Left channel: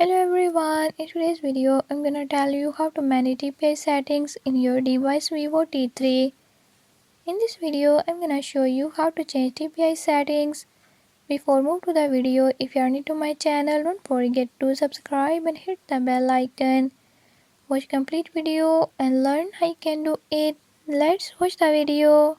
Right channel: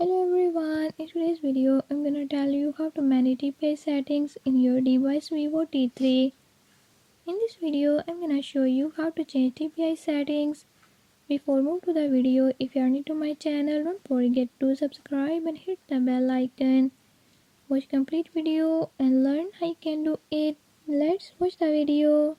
Hello everyone, in today's video I'm gonna tell you how to manage DPI settings in your device Vivo T3. In this video I'm gonna show you how to change DPI settings. Before move to the video, if you are new to my channel, don't forget to subscribe and hit the bell icon. Watch complete video and learn how you can do it. Let's watch the video.